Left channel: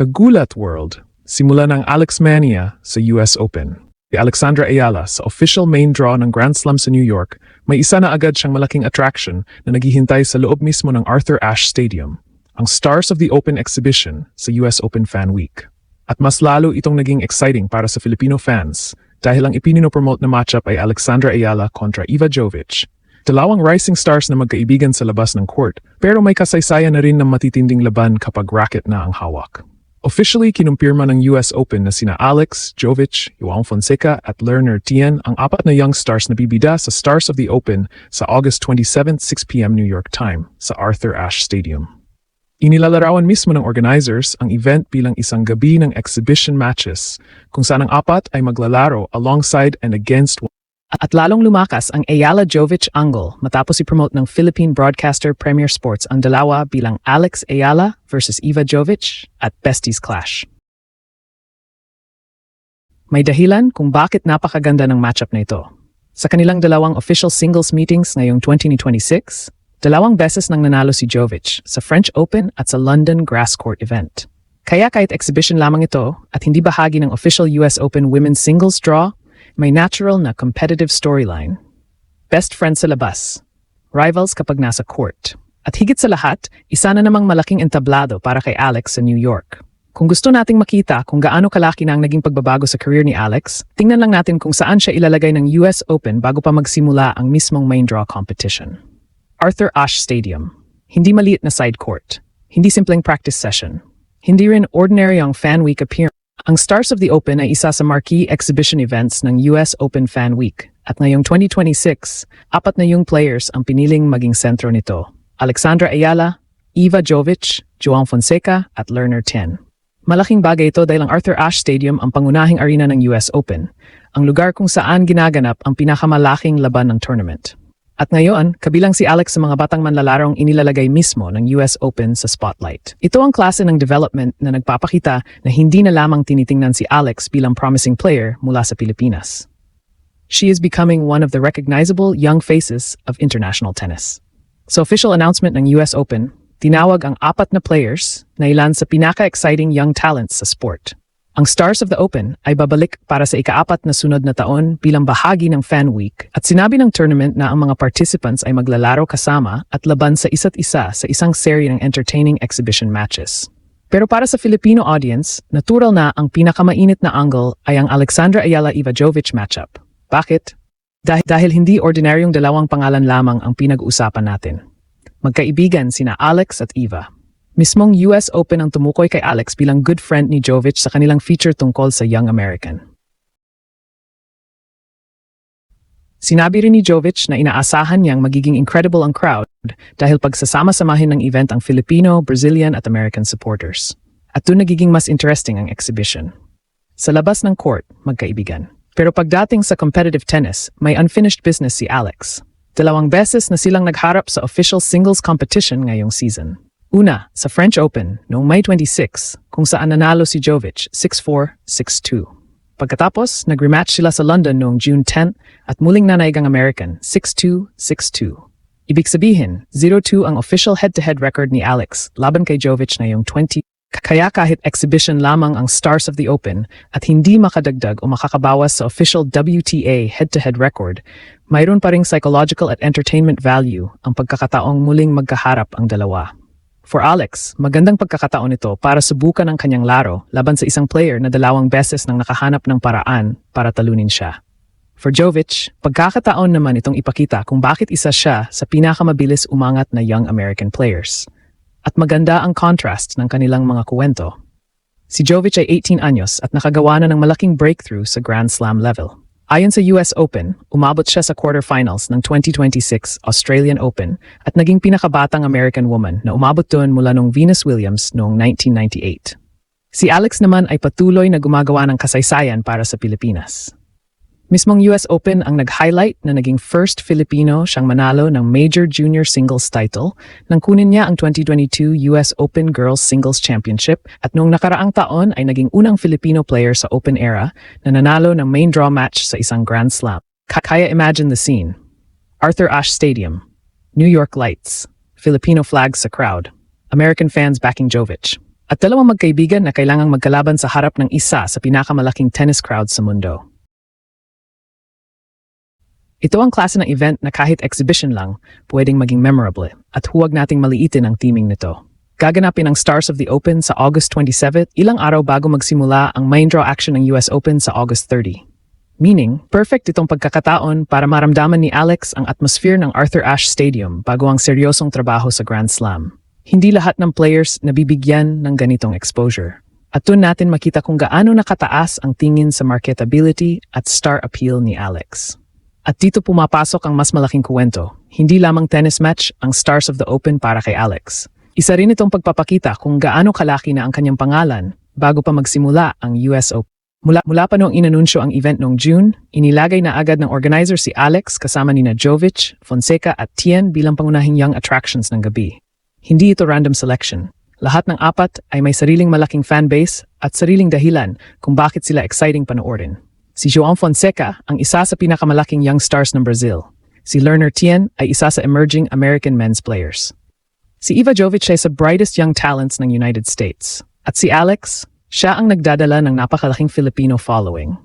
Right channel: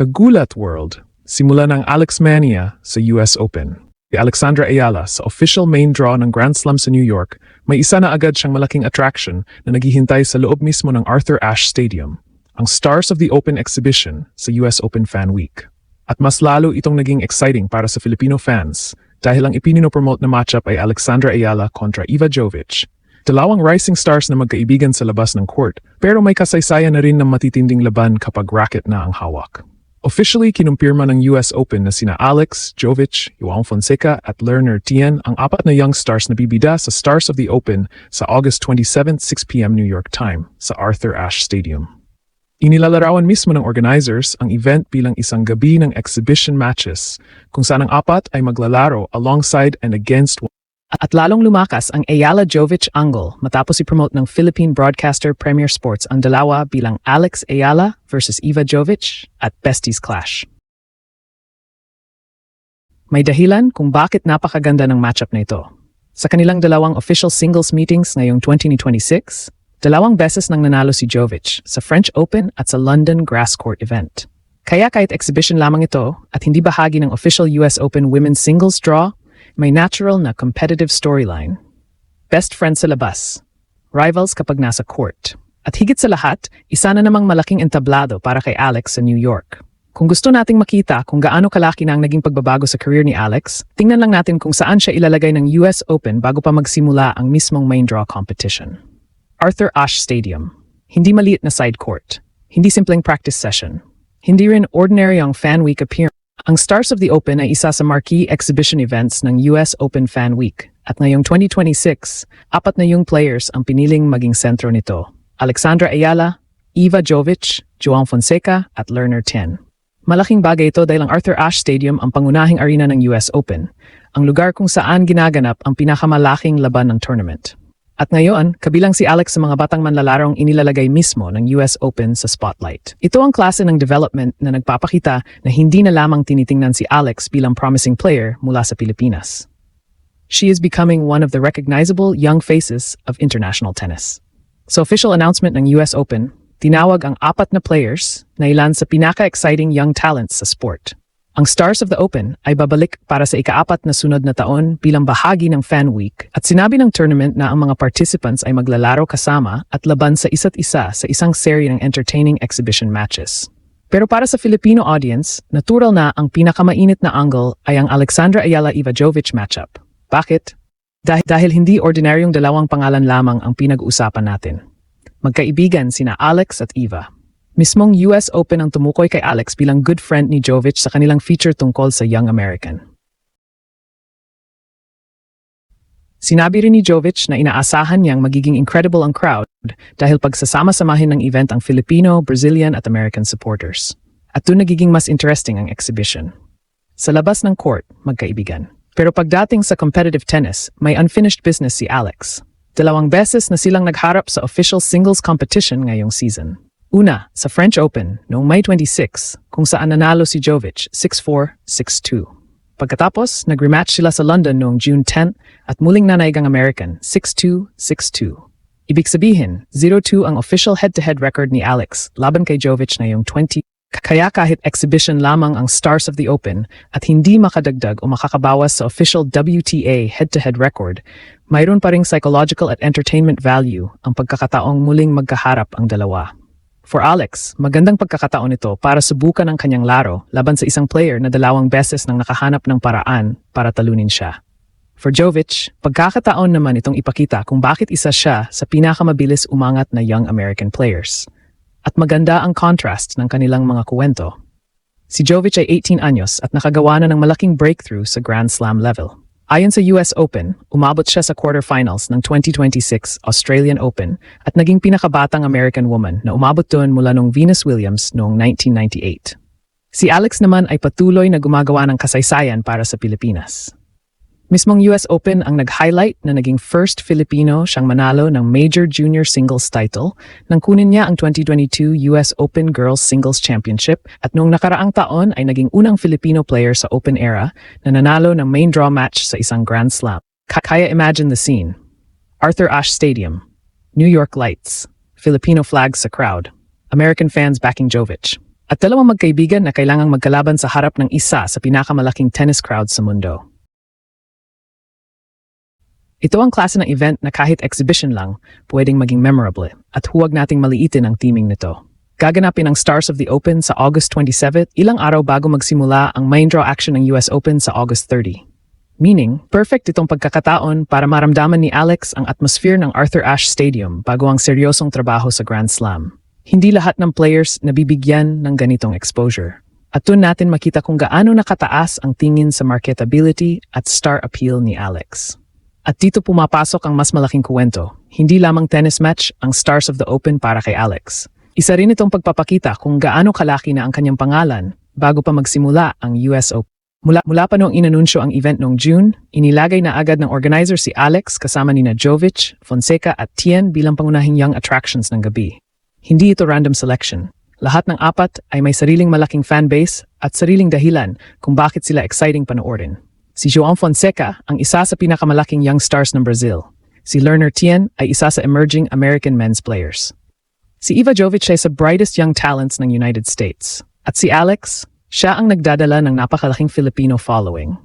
Kagulat World, simula ng Alex Mania sa US Open. Si Alexandra Ayala sa official main draw ng Grand Slam sa New York, may isa na agad siyang malaking attraction na naghihintay sa loob mismo ng Arthur Ashe Stadium, ang Stars of the Open exhibition sa US Open Fan Week. At mas lalo itong naging exciting para sa Filipino fans dahil ang ipininopromote na matchup ay Alexandra Ayala kontra Eva Jovic. Dalawang rising stars na magkaibigan sa labas ng court, pero may kasaysayan na rin ng matitinding laban kapag racket na ang hawak. Officially kinumpirma ng US Open na sina Alex, Jovic, Joao Fonseca at Lerner Tien ang apat na young stars na bibida sa Stars of the Open sa August 27, 6 p.m. New York time sa Arthur Ashe Stadium. Inilalarawan mismo ng organizers ang event bilang isang gabi ng exhibition matches kung saan ang apat ay maglalaro alongside and against. At lalong lumakas ang Ayala-Jovic angle matapos i-promote ng Philippine broadcaster Premier Sports ang dalawa bilang Alex Ayala versus Eva Jovic at Besties Clash. May dahilan kung bakit napakaganda ng matchup na ito. Sa kanilang dalawang official singles meetings ngayong 2026, dalawang beses nang nanalo si Jovic sa French Open at sa London Grass Court event. Kaya kahit exhibition lamang ito at hindi bahagi ng official US Open women's singles draw, may natural na competitive storyline. Best friends sa labas, rivals kapag nasa court. At higit sa lahat, isa na namang malaking entablado para kay Alex sa New York. Kung gusto nating makita kung gaano kalaki na ang naging pagbabago sa career ni Alex, tingnan lang natin kung saan siya ilalagay ng US Open bago pa magsimula ang mismong main draw competition. Arthur Ashe Stadium. Hindi maliit na side court. Hindi simpleng practice session. Hindi rin ordinary ang fan week appearance. Ang Stars of the Open ay isa sa marquee exhibition events ng US Open Fan Week. At ngayong 2026, apat na yung players ang piniling maging sentro nito. Alexandra Ayala, Eva Jovic, Joao Fonseca at Lerner Tien. Malaking bagay ito dahil ang Arthur Ashe Stadium ang pangunahing arena ng US Open, ang lugar kung saan ginaganap ang pinakamalaking laban ng tournament. At ngayon, kabilang si Alex sa mga batang manlalarong inilalagay mismo ng US Open sa spotlight. Ito ang klase ng development na nagpapakita na hindi na lamang tinitingnan si Alex bilang promising player mula sa Pilipinas. She is becoming one of the recognizable young faces of international tennis. Sa official announcement ng US Open, tinawag ang apat na players na ilan sa pinaka-exciting young talents sa sport. Ang Stars of the Open ay babalik para sa ika-4 na sunod na taon bilang bahagi ng Fan Week at sinabi ng tournament na ang mga participants ay maglalaro kasama at laban sa isa't isa sa isang serye ng entertaining exhibition matches. Pero para sa Filipino audience, natural na ang pinakamainit na angle ay ang Alexandra Ayala-Eva Jovic matchup. Bakit? Dahil hindi ordinaryong dalawang pangalan lamang ang pinag-uusapan natin. Magkaibigan sina Alex at Eva. Mismong US Open ang tumukoy kay Alex bilang good friend ni Jovic sa kanilang feature tungkol sa Young American. Sinabi rin ni Jovic na inaasahan niyang magiging incredible ang crowd dahil pagsasama-samahin ng event ang Filipino, Brazilian at American supporters. At doon nagiging mas interesting ang exhibition. Sa labas ng court, magkaibigan. Pero pagdating sa competitive tennis, may unfinished business si Alex. 2 beses na silang nagharap sa official singles competition ngayong season. Una, sa French Open noong May 26 kung saan nanalo si Jovic 6-4, 6-2. Pagkatapos, nag-rematch sila sa London noong June 10 at muling nanaig ang American 6-2, 6-2. Ibig sabihin, 0-2 ang official head-to-head record ni Alex laban kay Jovic ngayong 20. Kaya kahit exhibition lamang ang Stars of the Open at hindi makadagdag o makakabawas sa official WTA head-to-head record, mayroon pa ring psychological at entertainment value ang pagkakataong muling magkaharap ang dalawa. For Alex, magandang pagkakataon ito para subukan ang kanyang laro laban sa isang player na 2 beses nang nakahanap ng paraan para talunin siya. For Jovic, pagkakataon naman itong ipakita kung bakit isa siya sa pinakamabilis umangat na young American players. At maganda ang contrast ng kanilang mga kuwento. Si Jovic ay 18 anyos at nakagawa na ng malaking breakthrough sa Grand Slam level. Ayon sa US Open, umabot siya sa quarterfinals ng 2026 Australian Open at naging pinakabatang American woman na umabot doon mula noong Venus Williams noong 1998. Si Alex naman ay patuloy na gumagawa ng kasaysayan para sa Pilipinas. Mismong US Open ang nag-highlight na naging first Filipino siyang manalo ng major junior singles title nang kunin niya ang 2022 US Open Girls Singles Championship at noong nakaraang taon ay naging unang Filipino player sa Open era na nanalo ng main draw match sa isang Grand Slam. Kaya imagine the scene. Arthur Ashe Stadium, New York lights, Filipino flags sa crowd, American fans backing Jovic. At dalawang magkaibigan na kailangang magkalaban sa harap ng isa sa pinakamalaking tennis crowd sa mundo. Ito ang klase ng event na kahit exhibition lang, pwedeng maging memorable. At huwag nating maliitin ang teaming nito. Gaganapin ang Stars of the Open sa August 27, ilang araw bago magsimula ang main draw action ng US Open sa August 30. Meaning, perfect itong pagkakataon para maramdaman ni Alex ang atmosphere ng Arthur Ashe Stadium bago ang seryosong trabaho sa Grand Slam. Hindi lahat ng players nabibigyan ng ganitong exposure. At doon natin makita kung gaano nakataas ang tingin sa marketability at star appeal ni Alex. At dito pumapasok ang mas malaking kuwento. Hindi lamang tennis match ang Stars of the Open para kay Alex. Isa rin itong pagpapakita kung gaano kalaki na ang kanyang pangalan bago pa magsimula ang US Open. Mula pa noong inanunsyo ang event noong June, inilagay na agad ng organizer si Alex kasama nina Jovic, Fonseca at Tien bilang pangunahing young attractions ng gabi. Hindi ito random selection. Lahat ng apat ay may sariling malaking fanbase at sariling dahilan kung bakit sila exciting panoorin. Si João Fonseca ang isa sa pinakamalaking young stars ng Brazil. Si Lerner Tien ay isa sa emerging American men's players. Si Iva Jovic ay sa brightest young talents ng United States. At si Alex, siya ang nagdadala ng napakalaking Filipino following.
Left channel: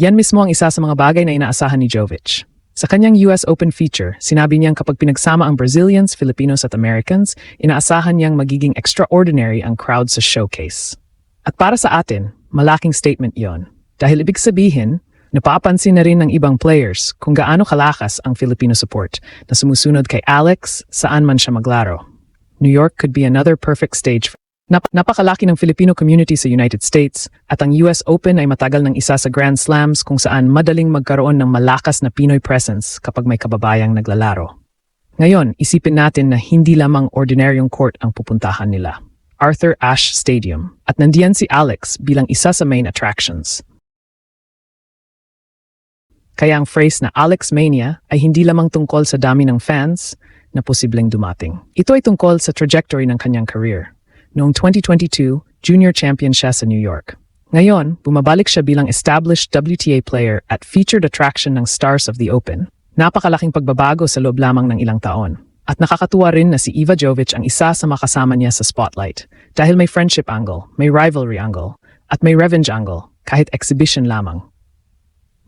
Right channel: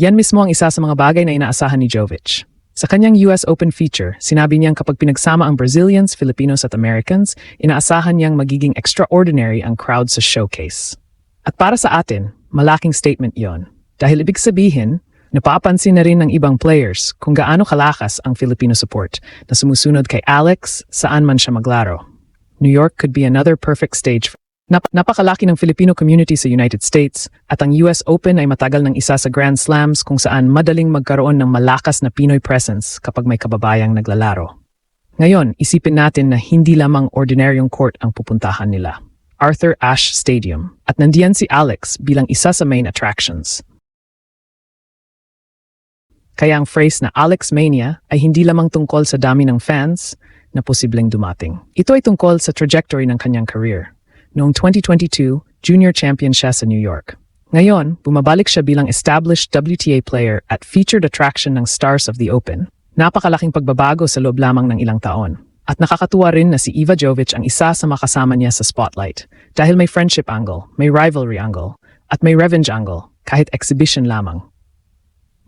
Yan mismo ang isa sa mga bagay na inaasahan ni Jovic. Sa kanyang US Open feature, sinabi niyang kapag pinagsama ang Brazilians, Filipinos at Americans, inaasahan niyang magiging extraordinary ang crowd sa showcase. At para sa atin, malaking statement yon. Dahil ibig sabihin, napapansin na rin ng ibang players kung gaano kalakas ang Filipino support na sumusunod kay Alex saan man siya maglaro. New York could be another perfect stage. Napakalaki ng Filipino community sa United States at ang US Open ay matagal ng isa sa Grand Slams kung saan madaling magkaroon ng malakas na Pinoy presence kapag may kababayang naglalaro. Ngayon, isipin natin na hindi lamang ordinaryong court ang pupuntahan nila. Arthur Ashe Stadium. At nandiyan si Alex bilang isa sa main attractions. Kaya ang phrase na Alex Mania ay hindi lamang tungkol sa dami ng fans na posibleng dumating. Ito ay tungkol sa trajectory ng kanyang career. Noong 2022, junior champion siya sa New York. Ngayon, bumabalik siya bilang established WTA player at featured attraction ng Stars of the Open. Napakalaking pagbabago sa loob lamang ng ilang taon. At nakakatuwa rin na si Iva Jovic ang isa sa makasama niya sa spotlight dahil may friendship angle, may rivalry angle, at may revenge angle kahit exhibition lamang.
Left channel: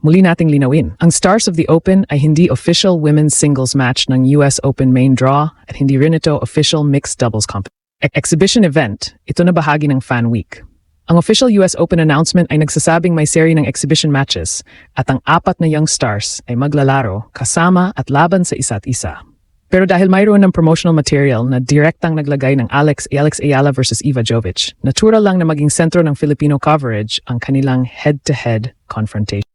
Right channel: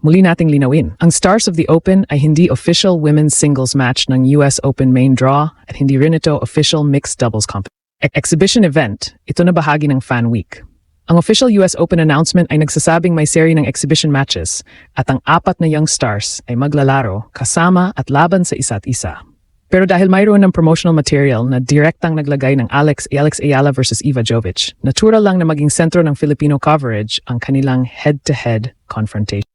Muli nating linawin, ang Stars of the Open ay hindi official women's singles match ng US Open main draw at hindi rin ito official mixed doubles competition. Exhibition event, ito na bahagi ng Fan Week. Ang official US Open announcement ay nagsasabing may seri ng exhibition matches at ang apat na young stars ay maglalaro kasama at laban sa isa't isa. Pero dahil mayroon ng promotional material na direktang naglagay ng Alex Ayala versus Iva Jovic, natural lang na maging sentro ng Filipino coverage ang kanilang head-to-head confrontation.